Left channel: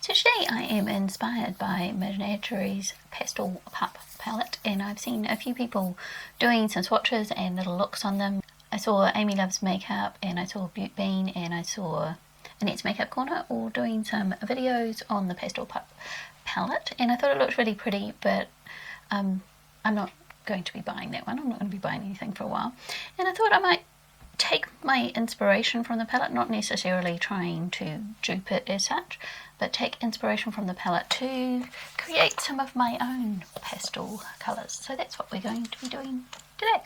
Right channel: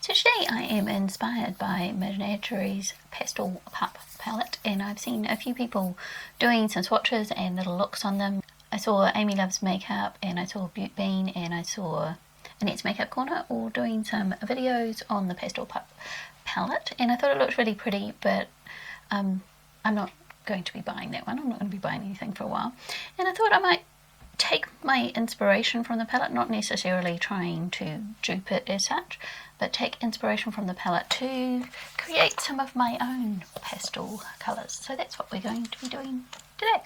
So today I am inspired by Menagerie's Pastel Pup palette, and I've seen a few people doing some swatches and little looks on them. I saw Amy Loves Makeup, and I saw beautbean, and I saw Annette's Makeup Corner all doing some videos on the Pastel Pup palette, and I thought it looked really pretty, but I'm not going to be buying that one. I'm not going to be buying anything for a while, and I thought I might take my inspiration from the palette, not necessarily trying to dupe it as such, but take inspiration from the palette to create some of my own pastel colours. So that's what we're going to be doing today.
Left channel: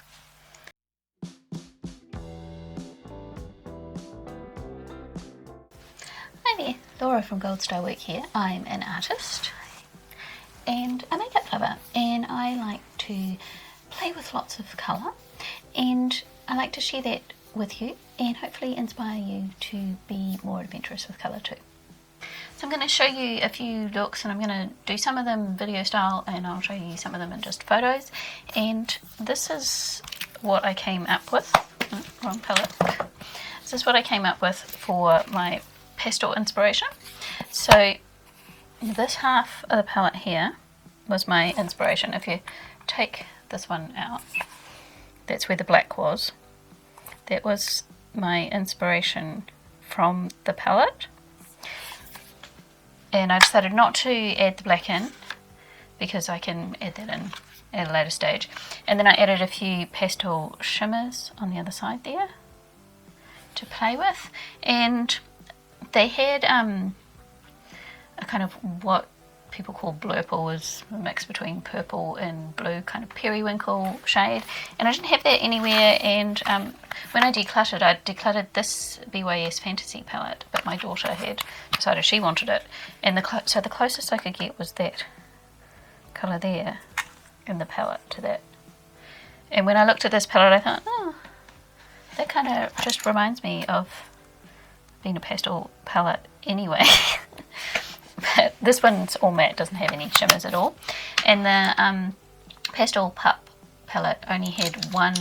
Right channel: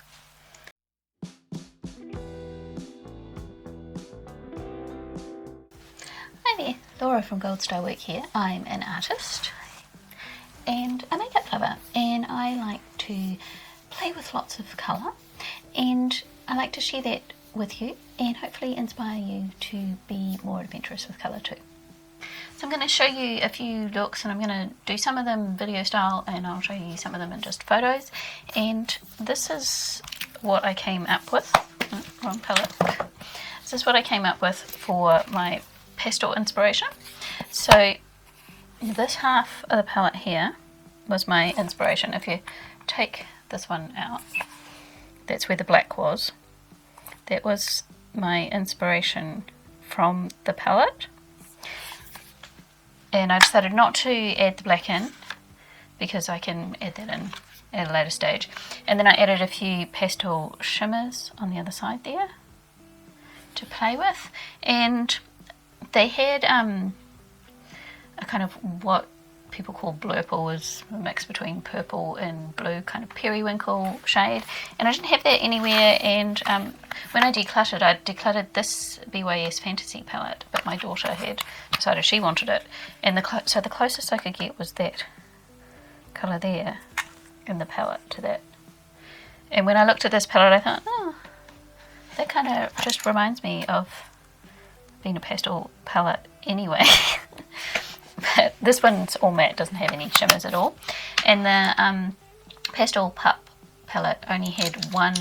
Hi there, Laura from Gold Star Week here. I'm an artist and a makeup lover, and I like to play with lots of colour, and I like to share that with you and hopefully inspire you to be more adventurous with colour too. So I'm going to show you a few looks, and I'm going to do some of them video style, and I'll show you some of them in just photos. And this is what I came up with. Wrong palette. This is what I came up with for my pastel inspiration. So this half of the palette here was my inspiration. If you take this one out, that's where the black was. That was my inspiration from the palette. And I decided not to add the black in because I can add that in a later stage. And then I added a few pastel shimmers on the other side there to play with. And they had a kind of what people call blurple, is a mix between purple and blue, kind of periwinkle shade. And I didn't have that anywhere, and when I decluttered this BYS Fantasy palette, but my daughter had decided she wanted it, and so the closest I could get was that colour there in the palette to that. And when I looked at this palette, I thought, oh, that kind of just reminds me of being a pastel palette anyway. But this one's all matte, doesn't have any shimmers at all. And the Pastel Pup palette only had one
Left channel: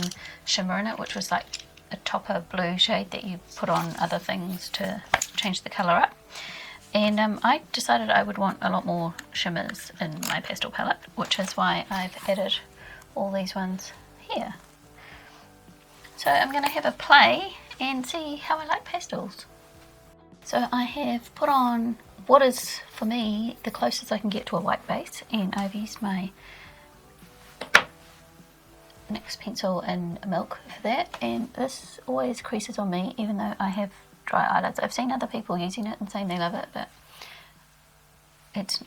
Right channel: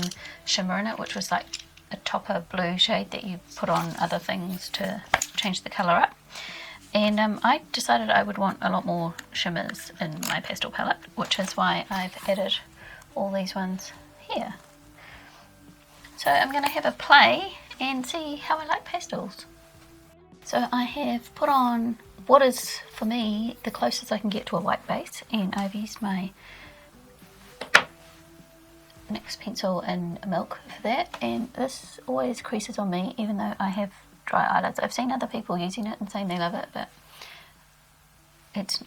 shimmer in it, which was like a topper blue shade that you put on other things to change the colour up. And I decided I would want a lot more shimmers in my pastel palette, which is why I've added all these ones here. So I'm going to have a play and see how I like pastels. So I have put on what is, for me, the closest I can get to a white base, and I've used my NYX pencil and milk for that, and this always creases on me even though I have dry eyelids. I've seen other people using it and saying they love it, but it's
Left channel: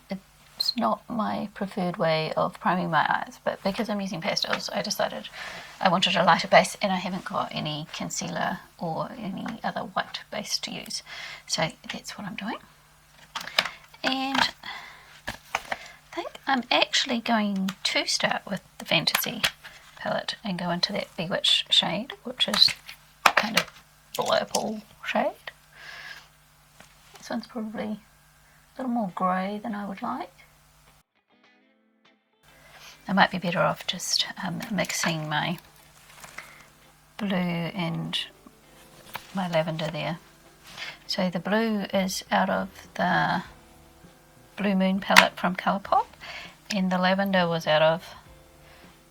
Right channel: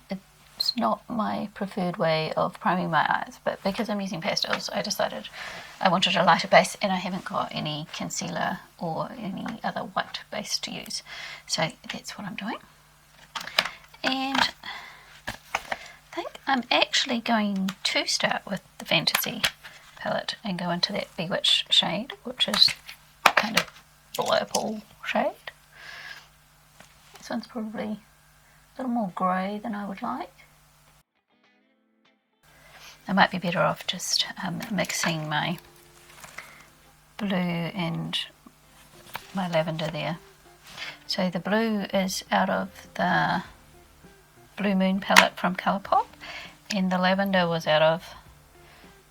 not my preferred way of priming my eyes. But because I'm using pastels, I decided I wanted a lighter base, and I haven't got any concealer or any other white base to use, so that's what I'm doing. And I think I'm actually going to start with the Fantasy palette and go into that Bewitched shade, which is kind of purple shade. This one's probably a little more grey than I would like. I might be better off just mixing my blue and my lavender there. So the blue is out of the Blue Moon palette from Colourpop, and the lavender was out of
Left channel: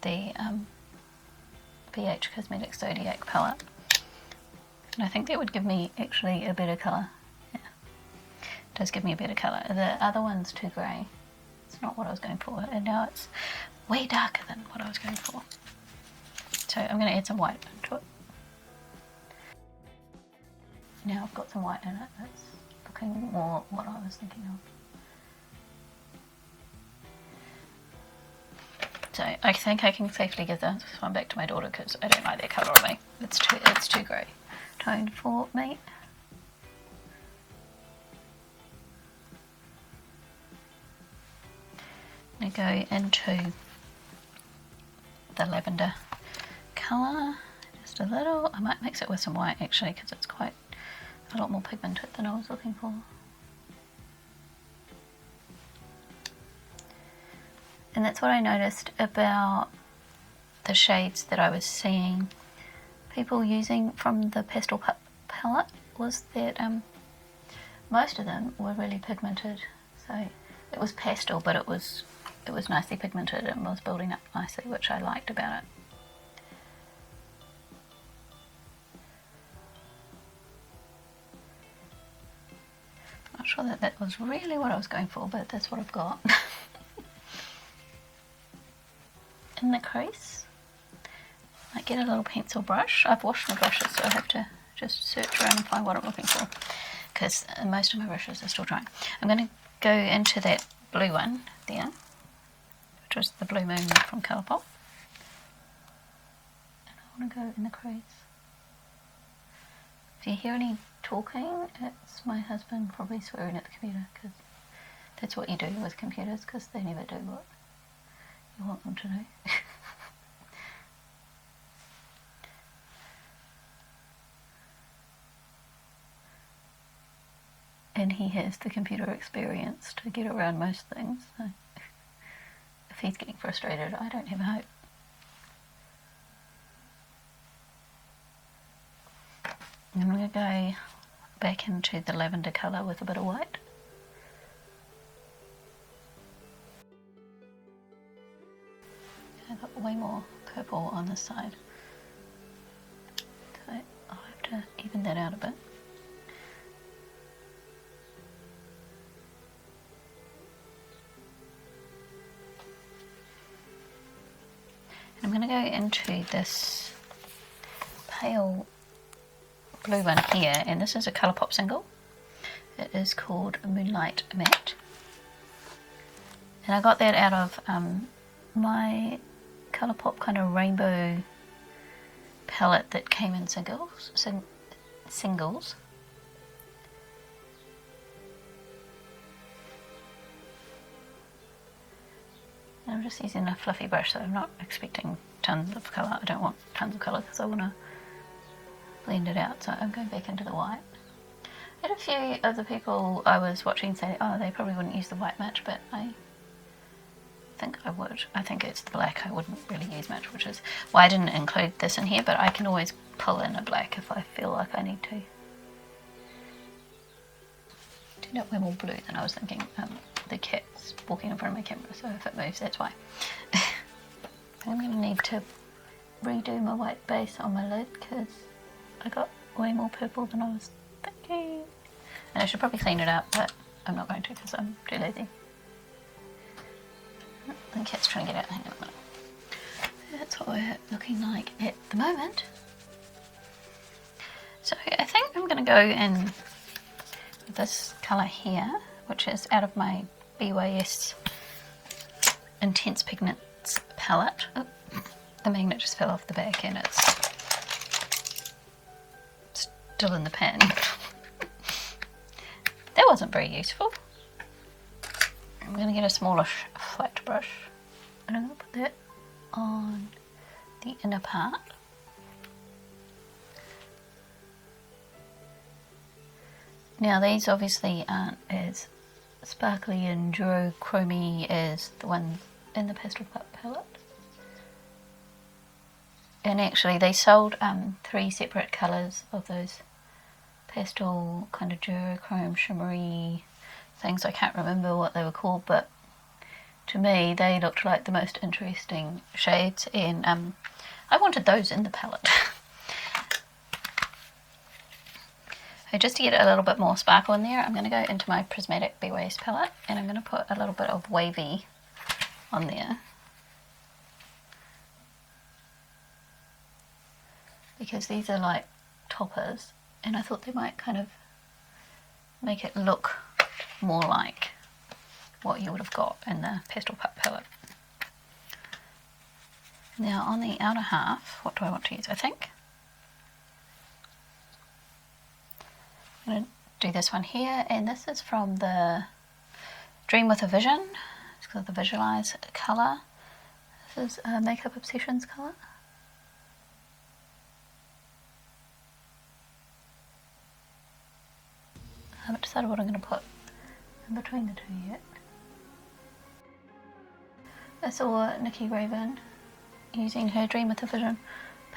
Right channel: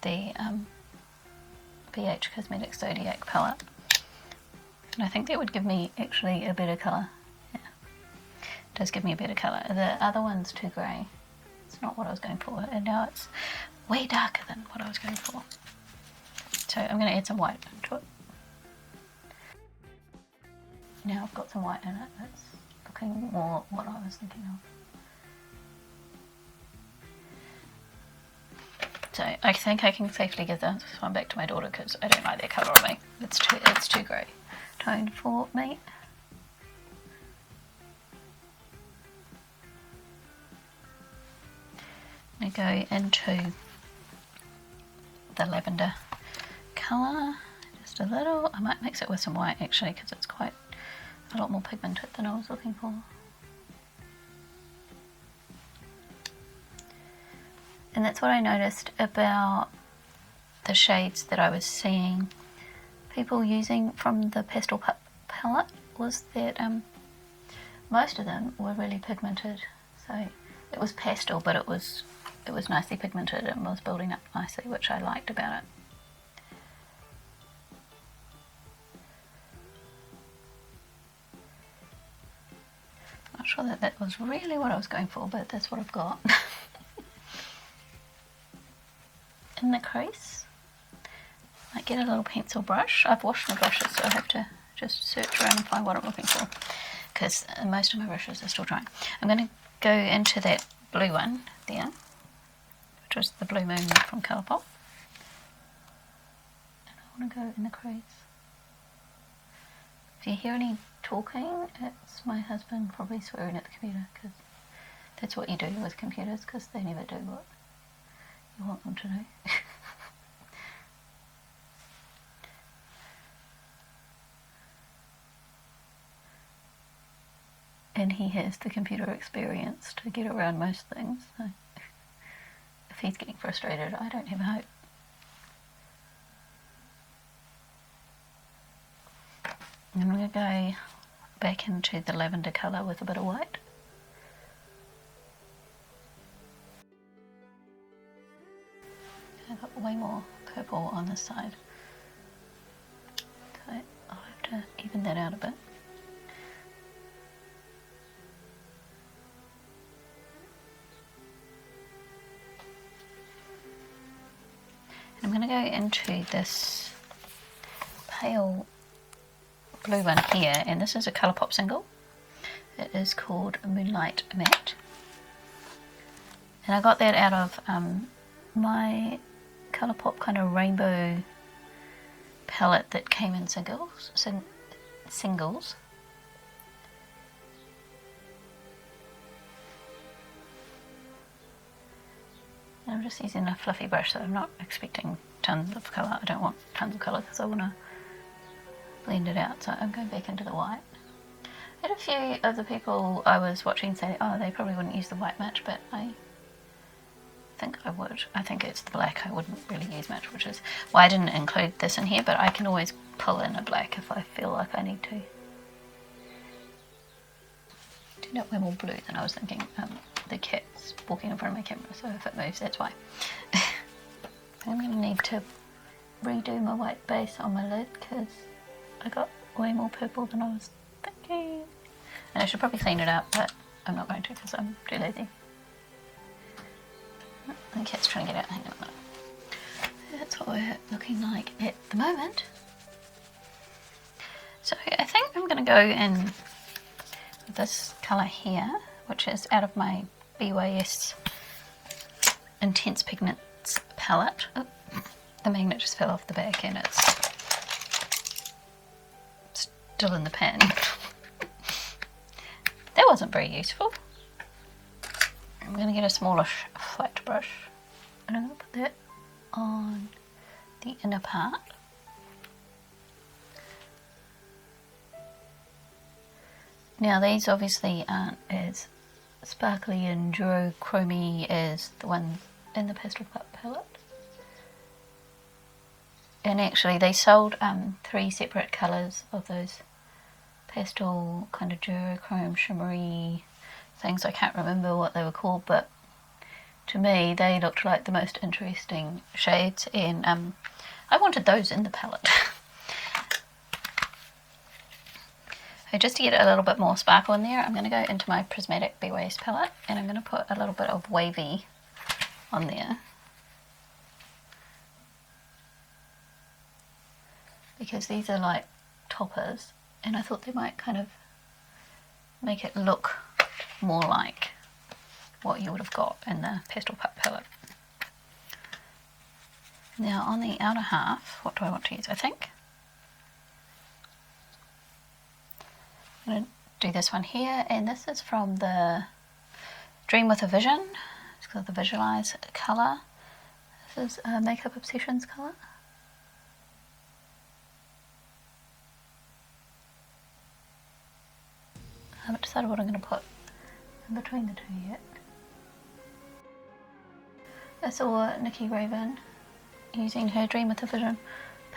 the BH Cosmetics Zodiac palette, and I think that would give me actually a better colour. Yeah, it does give me a better colour. The other one's too grey. It's not what I was going for, and now it's way darker than what I was going for. So I'm going to add some white to it. Now I've got some white in it. It's looking more what I was thinking of. So I think I can safely give that one back to my daughter because I don't like that colour on me. It's too grey tone for me. I go into the lavender colour just a little. I might mix it with some white actually because it's quite a lot more pigmented than I was looking for. And that's what I noticed about the shades that I was seeing people using from the Pastel Pup palette, was that most of them were really pigmented So it was pastel, but it was nicely pigmented and was building up nicely, which I liked about it. Not sure that that was really what I was going for, but that's what I've got. In the crease, I get a little pencil brush. I've washed my brushes, so I have to just search around and find what I'm looking for, because most of my brushes are still drying. I'm going to go into that blue one there, which was the blue one from Colourpop. I want to go in the crease. If you hear any talking, it's my husband probably swearing at the computer, because that's what you do with computers, because they never do what I want them to do. And he has the computer experience to get around most things, so if he's getting frustrated, I don't have hope. And I'm going to go back into the lavender colour with a bit of white. I've got way more purple on this side. Okay, I'll have to even that out a bit. I'm going to go into this pale blue one here, and this is a Colourpop single. It is called Moonlight Matte. And I got that out of my Colourpop kind of rainbow palette that came in singles. I'm just using a fluffy brush, so I'm not expecting tons of colour. I don't want tons of colour, so I want to blend it out. So I'll go back into the white. I had a few other people I was watching say, oh, they probably wouldn't use the white much, but I think I would. I think it's the black I wouldn't really use much, which is why I didn't include this in here, but I can always pull in a black if I feel like I need to. Turned out way more blue than I was thinking. The cat's walking in front of my camera, so if it moves, that's why. I'm going to need to redo my white base on my lid, because I got way more purple than I was thinking. And I should probably clean it up, but I'm not going to because I'm too lazy. The cat's trying to get out. That's what we're looking like at the moment. So I think I'm going to go in this colour here, which is out of my BYS Intense Pigments palette. The magnet just fell off the back and it's still in the pan. That wasn't very useful. I'm going to get a smaller flat brush and I'm going to put that on the inner part. Now these obviously aren't as sparkly and duochromy as the one in the Pastel Pup palette. And actually they sold 3 separate colours of those pastel kind of duochrome shimmery things. I can't remember what they were called, but to me they looked like the most interesting shades, and I wanted those in the palette. So just to get a little bit more sparkle in there, I'm going to go into my Prismatic BYS palette and I'm going to put a little bit of wavy on there, because these are like toppers and I thought they might kind of make it look more like what you would have got in the Pastel Pup palette. Now on the outer half, what do I want to use? I think I'm going to do this one here, and this is from the Dream with a Vision. It's called the Visualize colour. This is Makeup Obsessions colour. I haven't decided what I'm going to put in between the two yet. I saw Nikki Raven using her Dream with a Vision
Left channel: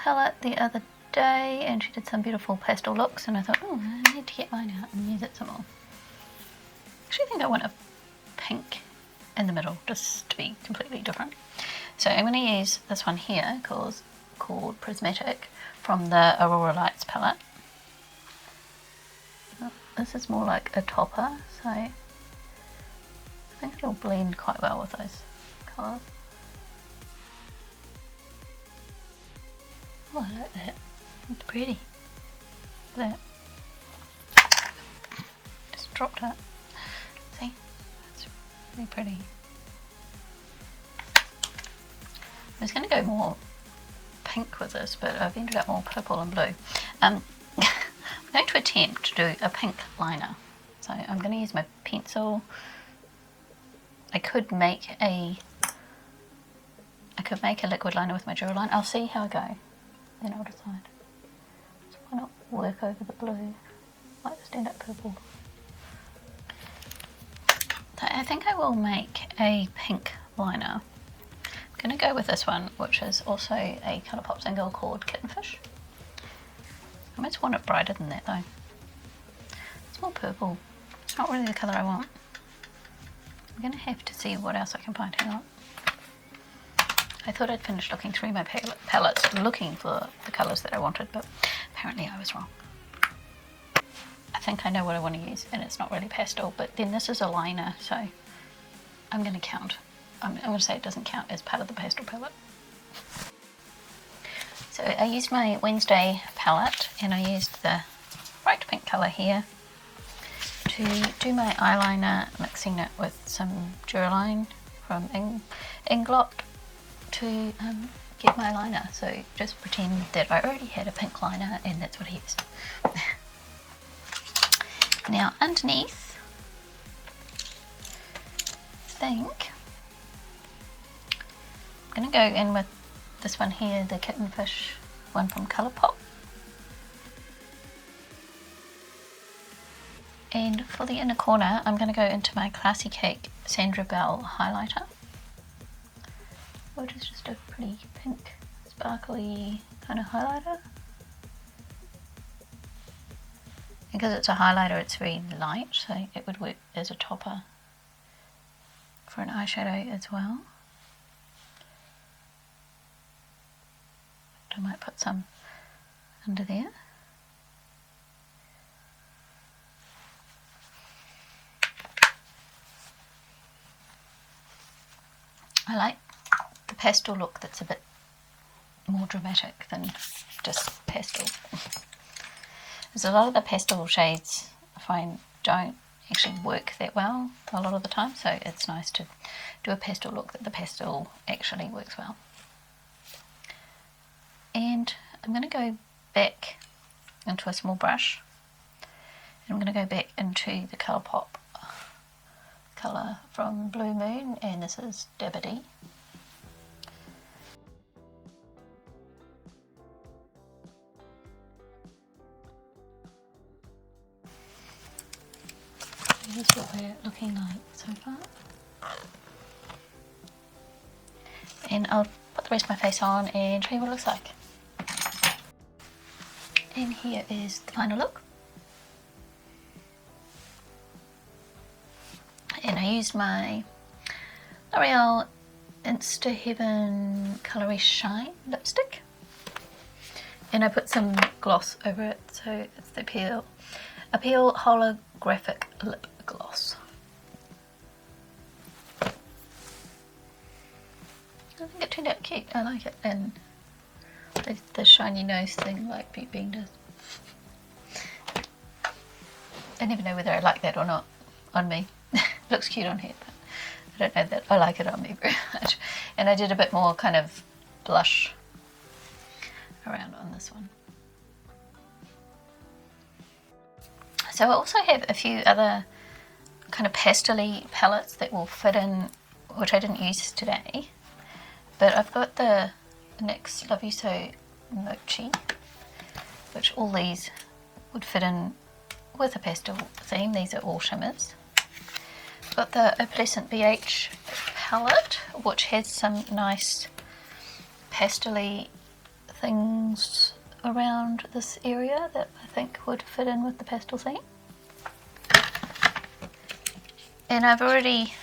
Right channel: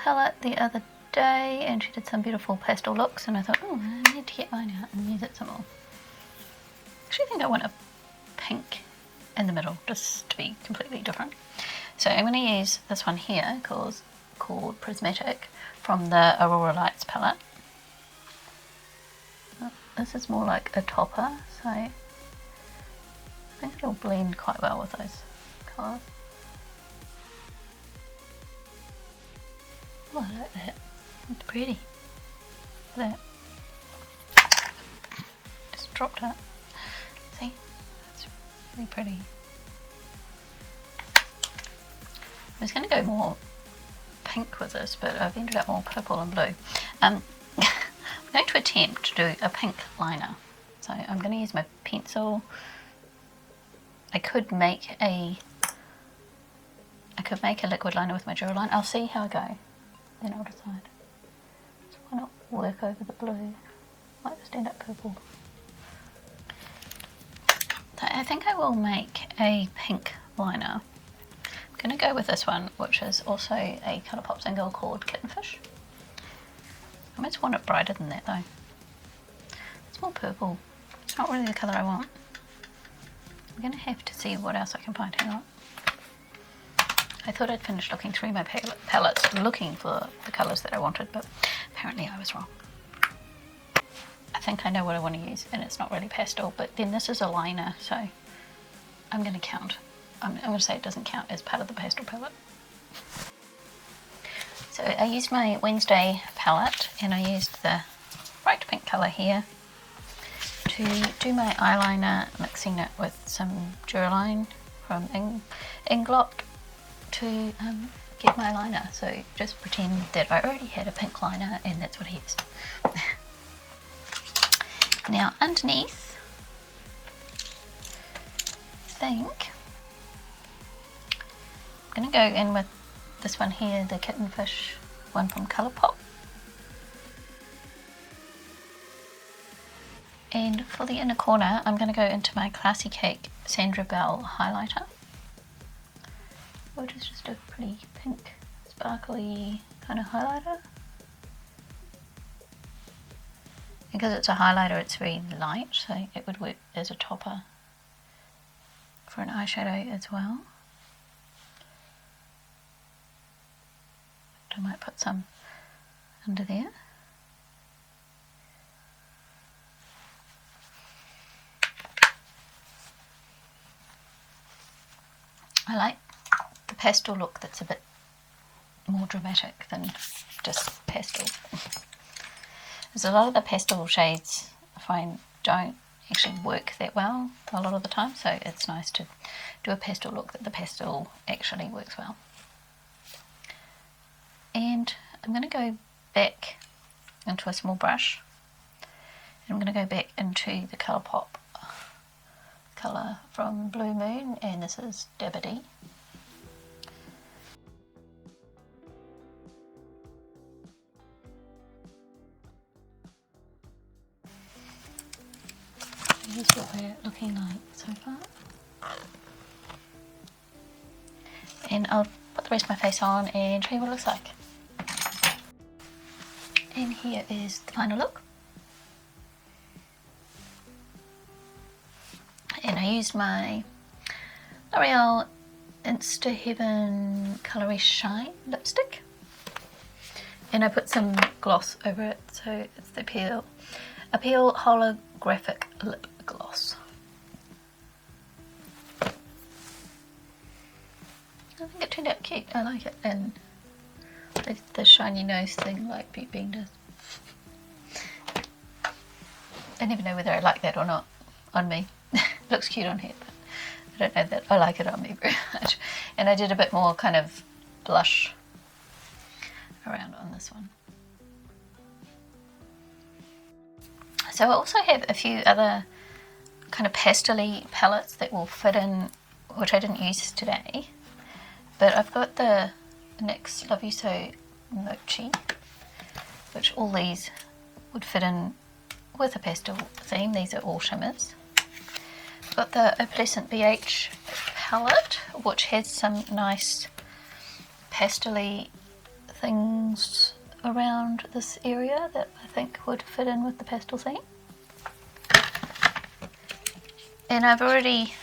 palette the other day, and she did some beautiful pastel looks, and I thought, oh, I need to get mine out and use it some more. I actually think I want to in the middle just to be completely different. So I'm going to use this one here called Prismatic from the Aurora Lights palette. This is more like a topper, so I think it'll blend quite well with those colours. Oh, look at that. It's pretty. Look. Just dropped it. See? It's really pretty. I was going to go more pink with this, but I've ended up more purple and blue. I'm going to attempt to do a pink liner. So I'm going to use my pencil. I could make a liquid liner with my gel line. I'll see how I go. Then I'll decide. Why not work over the blue? Might stand up purple. So I think I will make a pink liner. I'm going to go with this one, which is also a Colourpop single called Kittenfish. I just want it brighter than that though. It's more purple. It's not really the colour I want. I'm going to have to see what else I can find out. I thought I'd finished looking through my palettes looking for the colours that I wanted, but apparently I was wrong. I think I know what I want to use, and it's not really pastel, but then this is a liner, so I'm going to count. I'm going to say it doesn't count as part of the pastel palette. So I used my Wednesday palette, and I used the light pink colour here to do my eyeliner, mixing it with some Duraline from Inglot to get my liner. So just pretend that I already had a pink liner, and that's what I used. Now underneath, I think I'm going to go in with this one here, the Kittenfish one from Colourpop. And for the inner corner, I'm going to go into my Classy Cake Sandra Bell highlighter, which is just a pretty pink, sparkly kind of highlighter. Because it's a highlighter, it's very light, so it would work as a topper for an eyeshadow as well. I might put some into there. I like the pastel look that's a bit more dramatic than just pastel. Because a lot of the pastel shades I find don't actually work that well a lot of the time, so it's nice to do a pastel look that the pastel actually works well. And I'm going to go back into a small brush. I'm going to go back into the Colourpop colour from Blue Moon, and this is Dibbity. Here's what they're looking like so far. And I'll put the rest of my face on and show you what it looks like. And here is the final look. And I used my L'Oreal Insta Heaven Colourless Shine lipstick. And I put some gloss over it, so it's the Appeal Holographic Lip Gloss. I think it turned out cute, I like it. And the shiny nose thing like beautbean does. I never know whether I like that or not on me. Looks cute on here, but I don't know that I like it on me very much. And I did a bit more kind of blush around on this one. So I also have a few other kind of pastel-y palettes that will fit in, which I didn't use today. But I've got the NYX Love You So Mochi, which all these would fit in with a pastel theme. These are all shimmers. I've got the Opalescent BH palette, which has some nice pastel-y things around this area that I think would fit in with the pastel theme. And I've already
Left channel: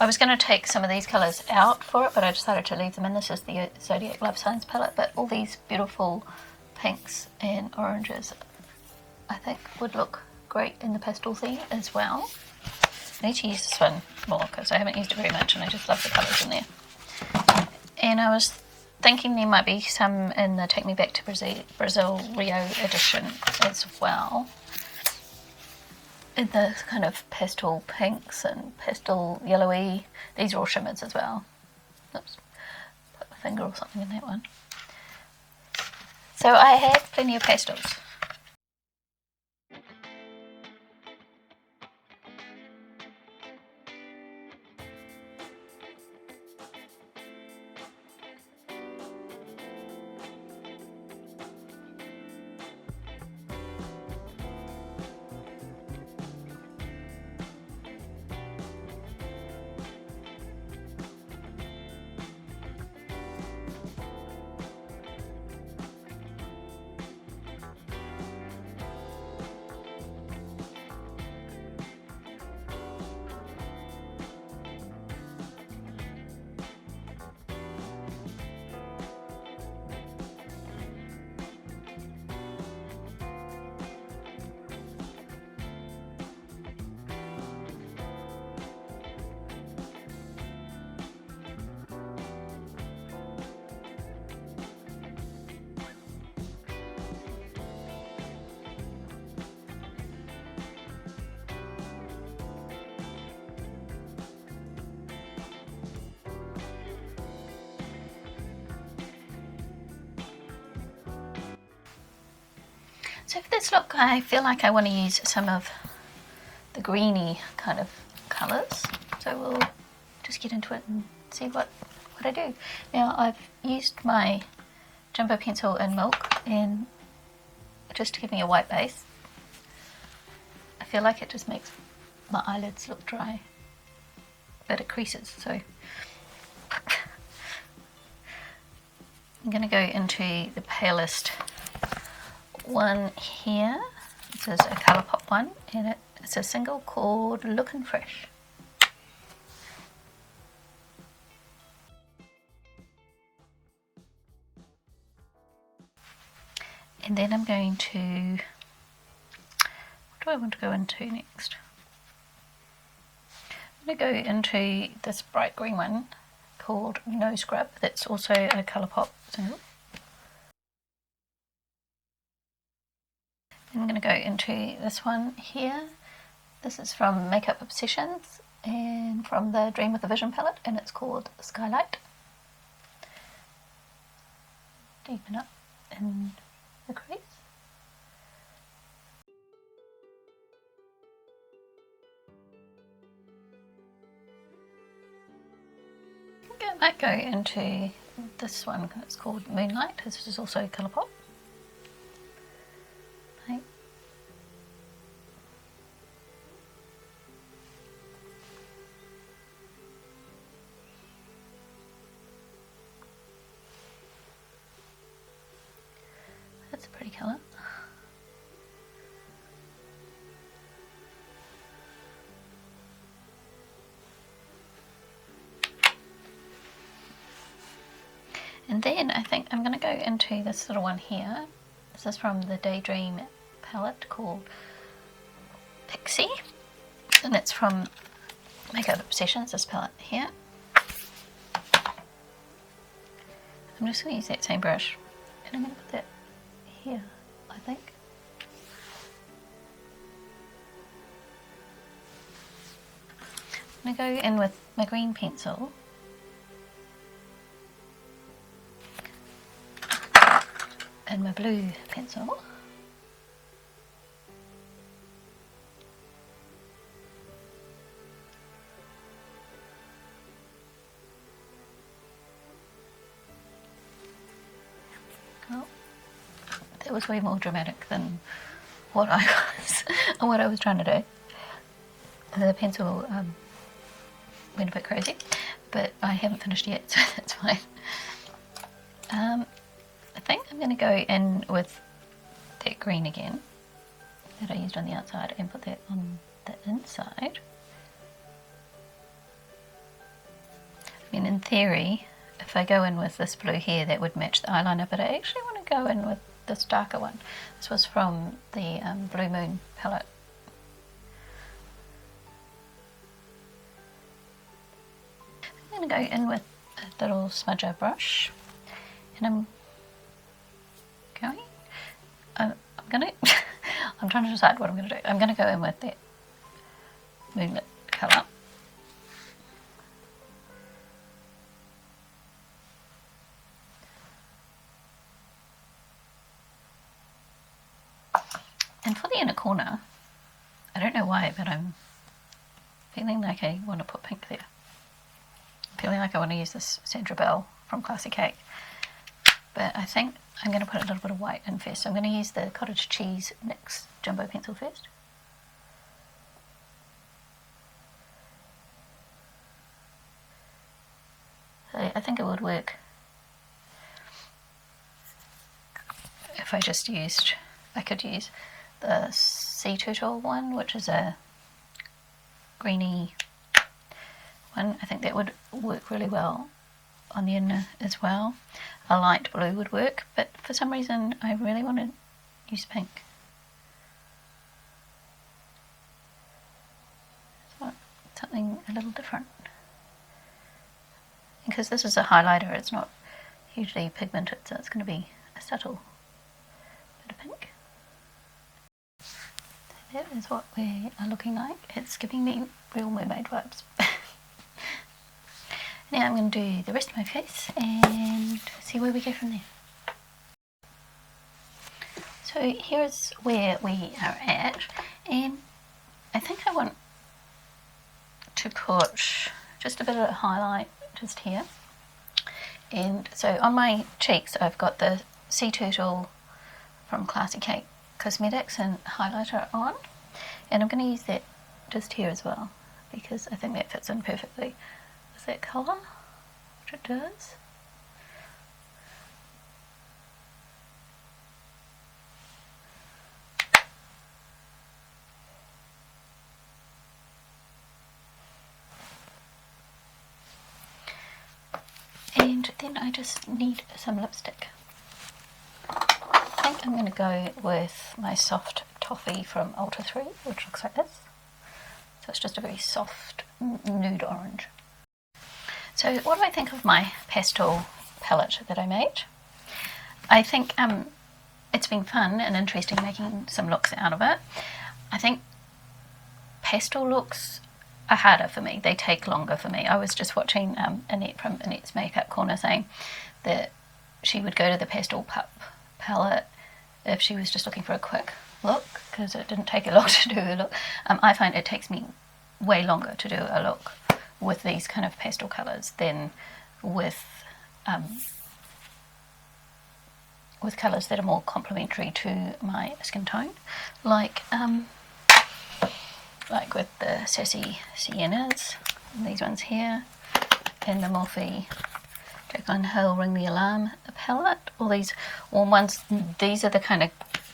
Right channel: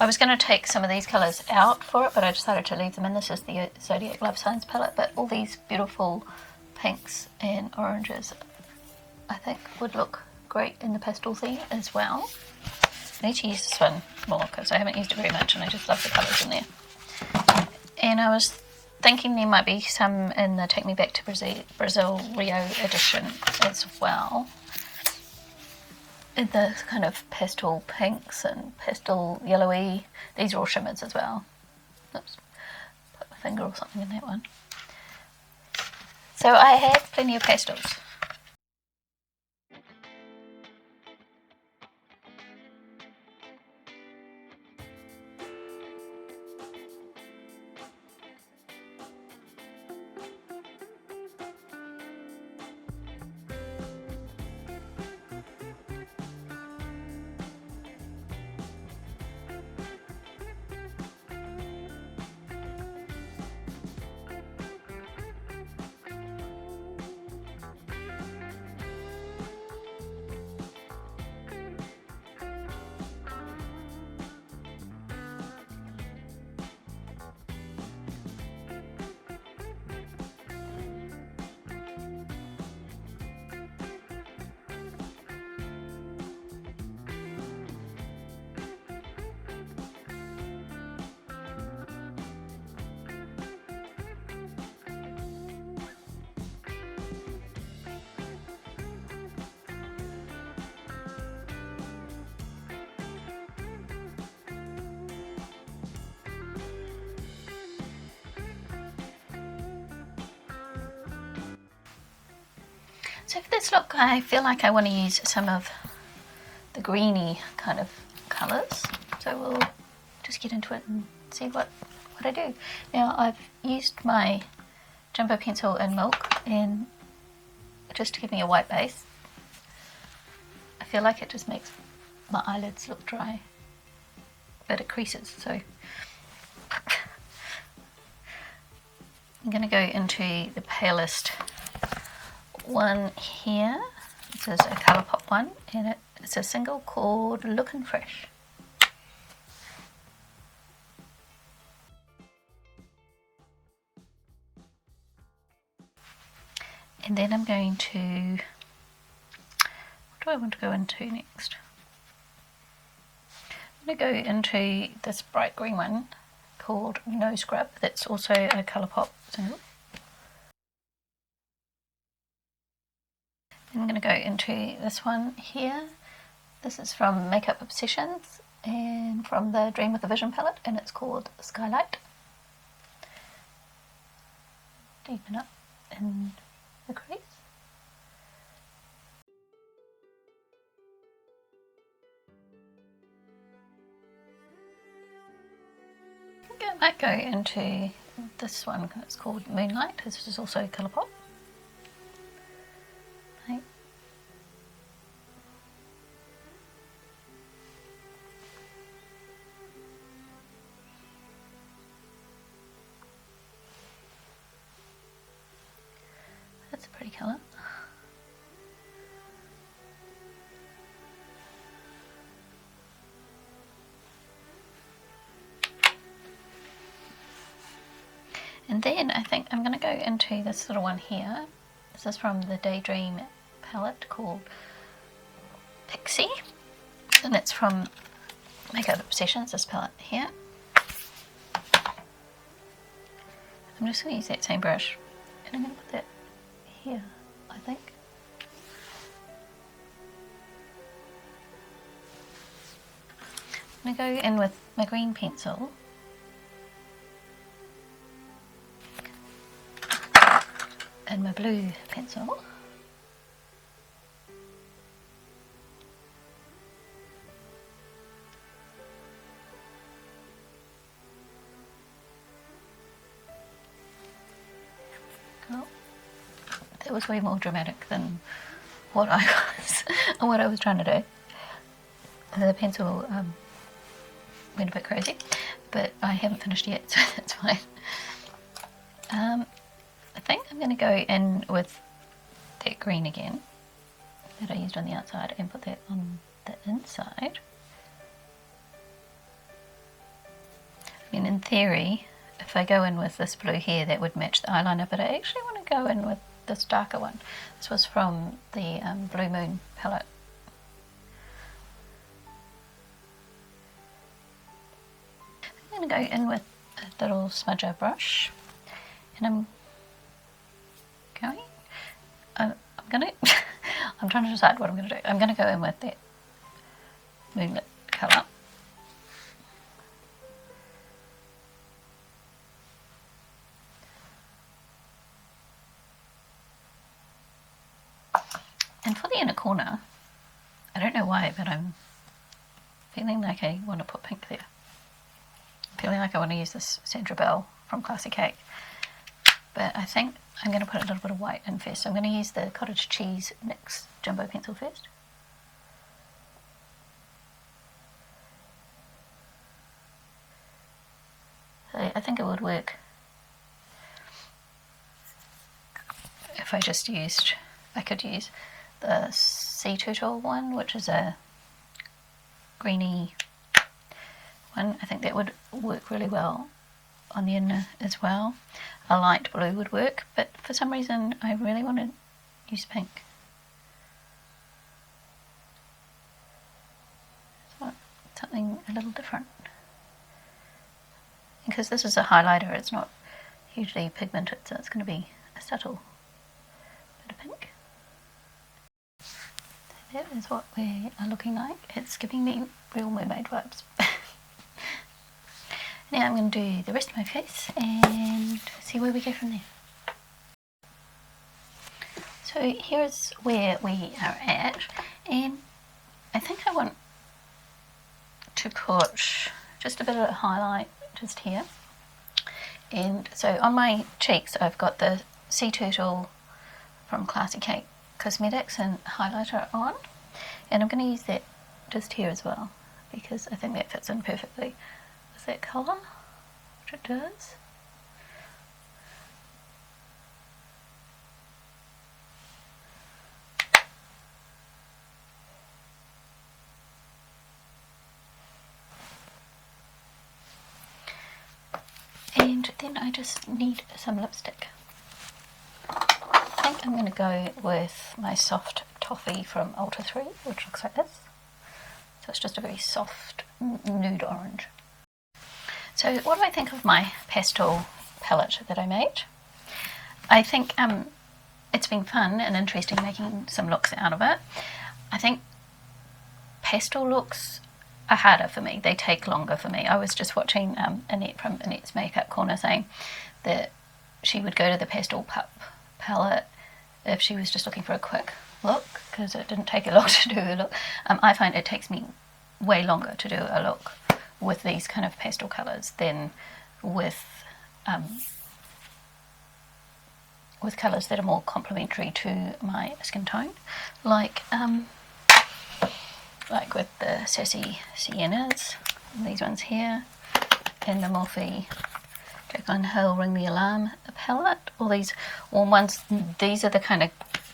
I was going to take some of these colours out for it, but I decided to leave them in. This is the Zodiac Love Signs palette, but all these beautiful pinks and oranges I think would look great in the pastel theme as well. I need to use this one more because I haven't used it very much. I just love the colours in there. And I was thinking there might be some in the Take Me Back to Brazil Rio edition as well. In the kind of pastel pinks and pastel yellowy. These are all shimmers as well. Oops, put my finger or something in that one. So I have plenty of pastels. So for this look, I feel like I want to use some of the greeny kind of colours. So we'll just get into it and see what I do. Now I've used my jumbo pencil in Milk and just to give me a white base. I feel like it just makes my eyelids look dry, but it creases, so I'm going to go into the palest one here. This is a Colourpop one, and it's a single called Lookin' Fresh. And then I'm going to, what do I want to go into next? I'm going to go into this bright green one called No Scrub. That's also a Colourpop. I'm going to go into this one here. This is from Makeup Obsessions and from the Dream with a Vision palette, and it's called Skylight. Deepen it in the crease. I might go into this one, it's called Moonlight. This is also Colourpop. Okay. It's a pretty colour. And then I think I'm going to go into this little one here. This is from the Daydream palette called Pixie. And that's from Makeup Obsessions, this palette here. I'm just going to use that same brush. And I'm going to put that here, I think. I'm going to go in with my green pencil. And my blue pencil. Cool. That was way more dramatic than what I was trying to do. The pencil went a bit crazy, but I haven't finished yet, so that's fine. I think I'm going to go in with that green again that I used on the outside and put that on the inside. then in theory, if I go in with this blue here, that would match the eyeliner, but I actually want to go in with this darker one. This was from the Blue Moon palette. I'm going to go in with a little smudger brush, and I'm trying to decide what I'm going to do. I'm going to go in with that moonlit colour. And for the inner corner, I don't know why, but I'm feeling like I want to put pink there. I'm feeling like I want to use this Sandra Bell from Classic Cake. But I think I'm going to put a little bit of white in first. So I'm going to use the cottage cheese mix jumbo pencil first. I think it would work if I just used, I could use the Sea Turtle one, which is a greeny one. I think that would work really well on the inner as well. A light blue would work, but for some reason I really want to use pink. So something a little different. Because this is a highlighter, it's not hugely pigmented, so it's going to be a subtle bit of pink. So that is what we are looking like. It's giving me real mermaid vibes. Now I'm going to do the rest of my face and see where we go from there. So here's where we are at, and I think I want to put just a bit of a highlight just here. And so on my cheeks I've got the Sea Turtle from Classic Cake Cosmetics and highlighter on, and I'm going to use that just here as well because I think that fits in perfectly. Is that colour? Which it does. And then I just need some lipstick. I think I'm going to go with my soft toffee from Ultra 3, which looks like this. So it's just a very soft nude orange. So what do I think of my pastel palette that I made? I think it's been fun and interesting making some looks out of it. I think pastel looks are harder for me. They take longer for me. I was just watching Annette from Annette's Makeup Corner saying that she would go to the Pastel Pup palette if she was just looking for a quick look, because it didn't take a lot to do a look. I find it takes me way longer to do a look with these kind of pastel colours than with colours that are more complementary to my skin tone, like with Sassy Siennas, these ones here, and the Morphe Jaclyn Hill Ring the Alarm palette, all these warm ones. These are the kind of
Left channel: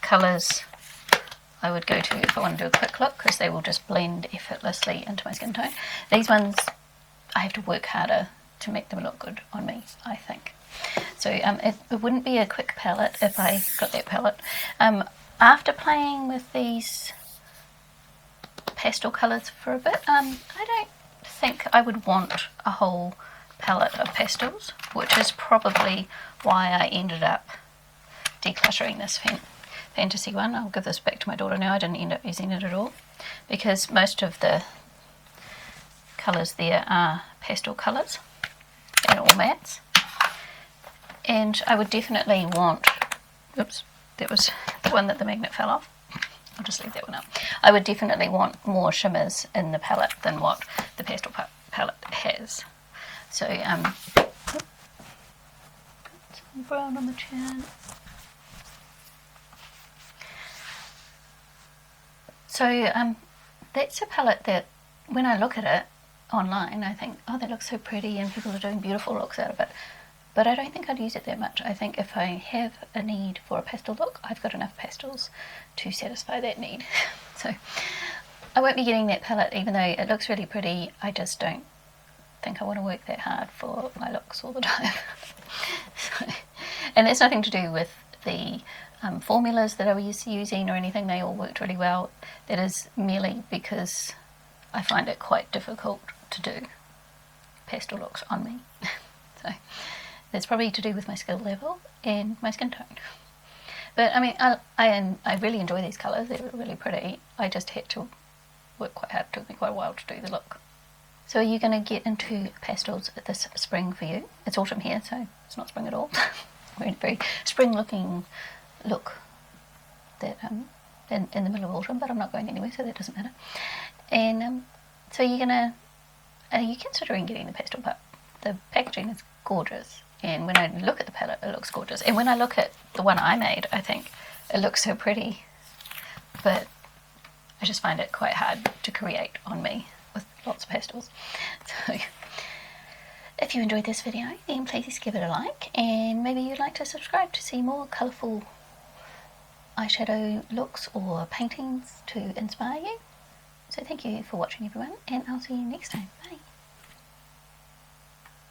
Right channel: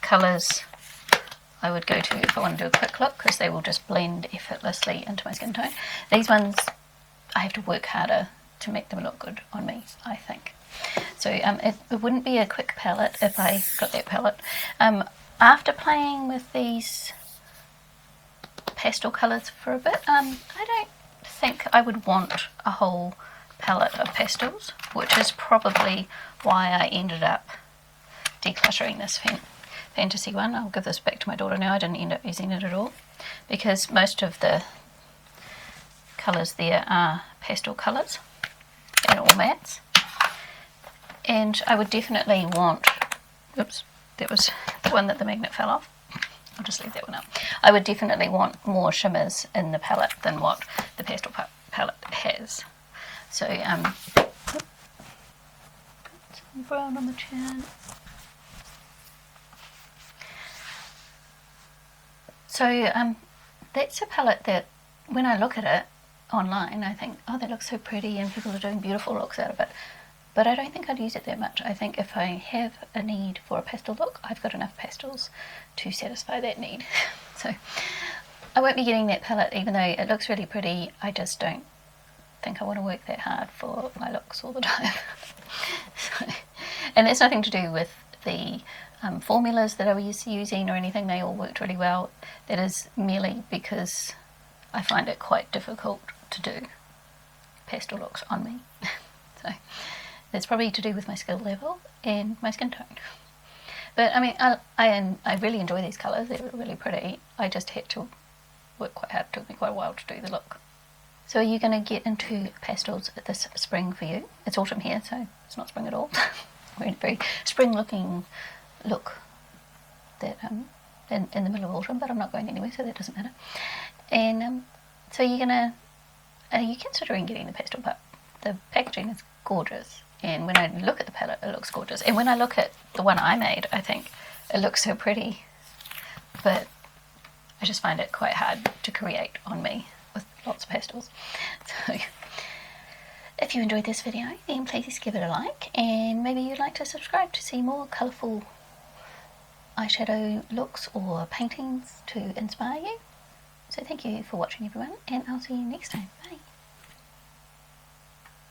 colours I would go to if I want to do a quick look, because they will just blend effortlessly into my skin tone. These ones, I have to work harder to make them look good on me, I think. So it wouldn't be a quick palette if I got that palette. After playing with these pastel colours for a bit, I don't think I would want a whole palette of pastels, which is probably why I ended up decluttering this fantasy one. I'll give this back to my daughter now. I didn't end up using it at all, because most of the colours there are pastel colours and all mattes. And I would definitely want, oops, that was the one that the magnet fell off. I'll just leave that one up. I would definitely want more shimmers in the palette than what the pastel palette has. So, some brown on the chair. So, that's a palette that, when I look at it online, I think, oh, that looks so pretty and people are doing beautiful looks out of it. But I don't think I'd use it that much. I think if I have a need for a pastel look, I've got enough pastels to satisfy that need. So I won't be doing that palette, even though it looks really pretty. I just don't think I want to work that hard for my looks all the time. So, and it's nothing to do with the formulas that I was using or anything. They all worked really well. It is merely because I find it quite difficult to do pastel looks on me. So that's probably to do with my skill level and my skin tone. But I mean, I really enjoy these colours. They're really pretty. I just had to work quite hard. It took me quite a while to do the look. So are you going to get into pastels for this spring for you? It's autumn here, so it's not spring at all. We're in a very spring-looking look that in the middle of autumn, but I'm not going anyway, so that doesn't matter. And so you're gonna, are you considering getting the Pastel Pup? The packaging is gorgeous, and when I look at the palette, it looks gorgeous. And when I look at the one I made, I think it looks so pretty, but I just find it quite hard to create on me with lots of pastels. So if you enjoyed this video, then please give it a like, and maybe you'd like to subscribe to see more colourful eyeshadow looks or paintings to inspire you. So thank you for watching, everyone, and I'll see you next time. Bye.